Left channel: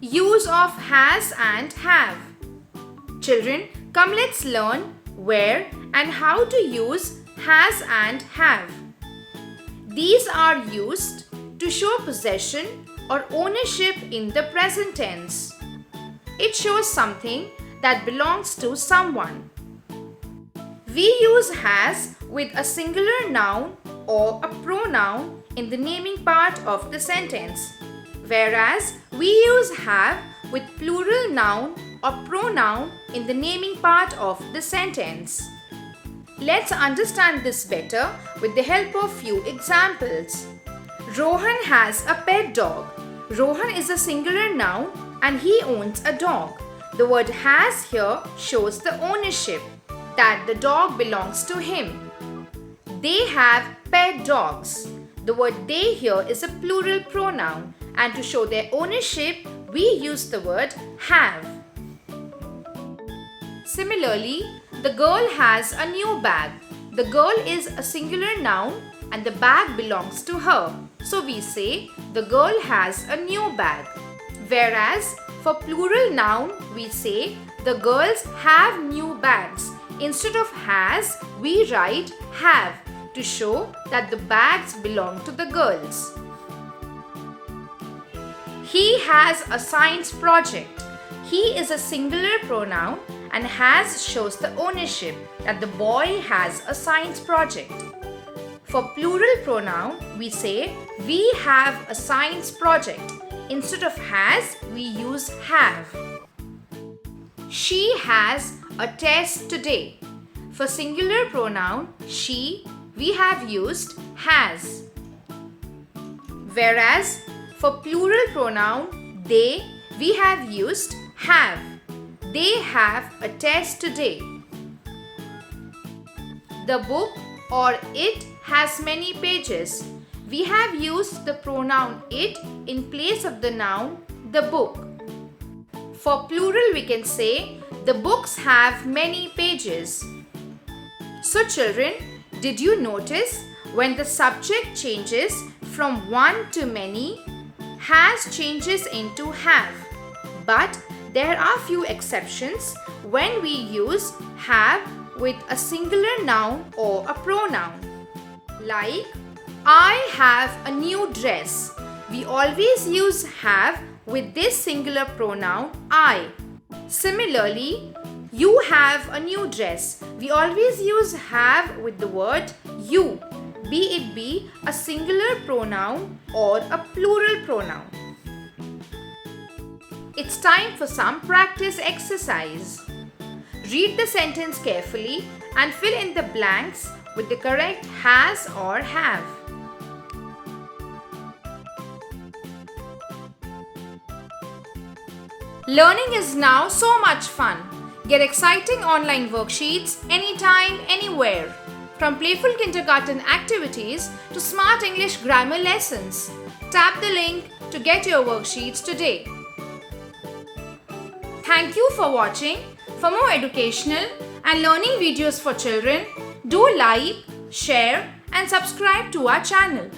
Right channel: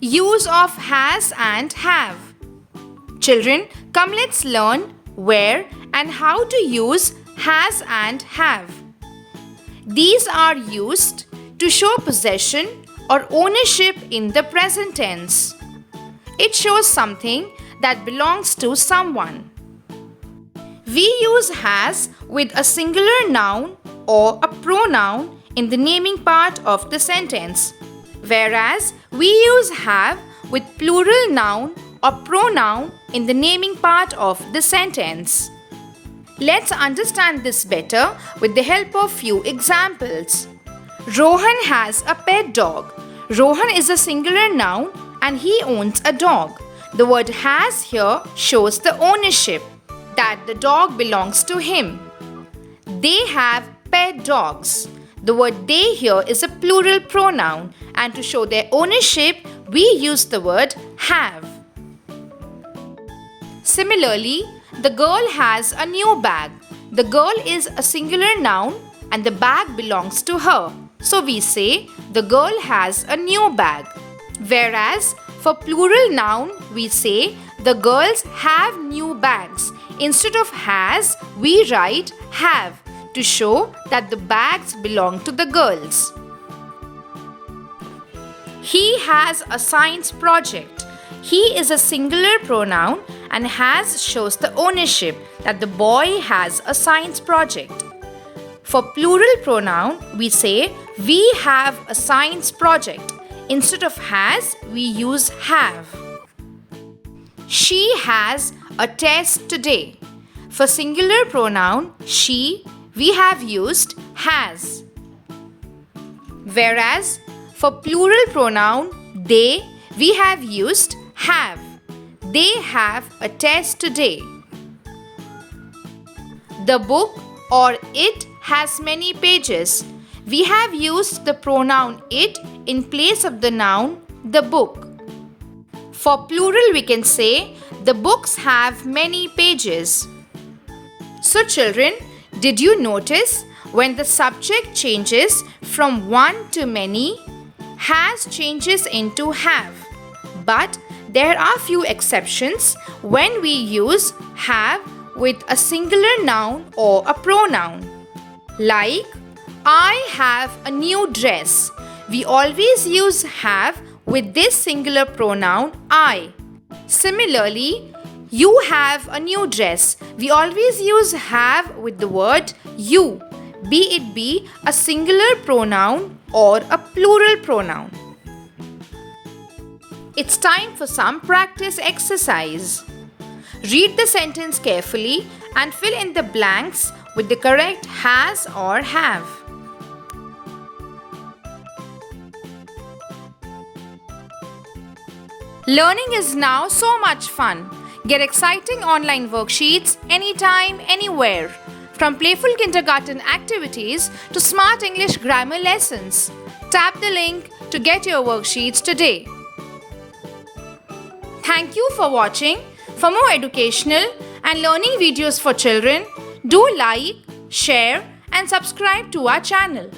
Use of has and have. Children, come let's learn where and how to use has and have. These are used to show possession or ownership in the present tense. It shows something that belongs to someone. We use has with a singular noun or a pronoun in the naming part of the sentence, whereas we use have with plural noun or pronoun in the naming part of the sentence. Let's understand this better with the help of few examples. Rohan has a pet dog. Rohan is a singular noun and he owns a dog. The word has here shows the ownership, that the dog belongs to him. They have pet dogs. The word they here is a plural pronoun, and to show their ownership, we use the word have. Similarly, the girl has a new bag. The girl is a singular noun and the bag belongs to her. So we say the girl has a new bag. Whereas for plural noun, we say the girls have new bags. Instead of has, we write have to show that the bags belong to the girls. He has a science project. He is a singular pronoun and has shows the ownership, that the boy has a science project. For plural pronoun, we say we have a science project. Instead of has, we use have. She has a test today. For singular pronoun she, we have used has. Whereas for plural pronoun they, we have used have. They have a test today. The book or it has many pages. We have used the pronoun it in place of the noun the book. For plural we can say the books have many pages. So children, did you notice when the subject changes from one to many, has changes into have. But there are few exceptions when we use have with a singular noun or a pronoun. Like, I have a new dress. We always use have with this singular pronoun I. Similarly, you have a new dress. We always use have with the word you, be it be a singular pronoun or a plural pronoun. It's time for some practice exercise. Read the sentence carefully and fill in the blanks with the correct has or have. Learning is now so much fun. Get exciting online worksheets anytime, anywhere. From playful kindergarten activities to smart English grammar lessons. Tap the link to get your worksheets today. Thank you for watching. For more educational and learning videos for children, do like, share and subscribe to our channel.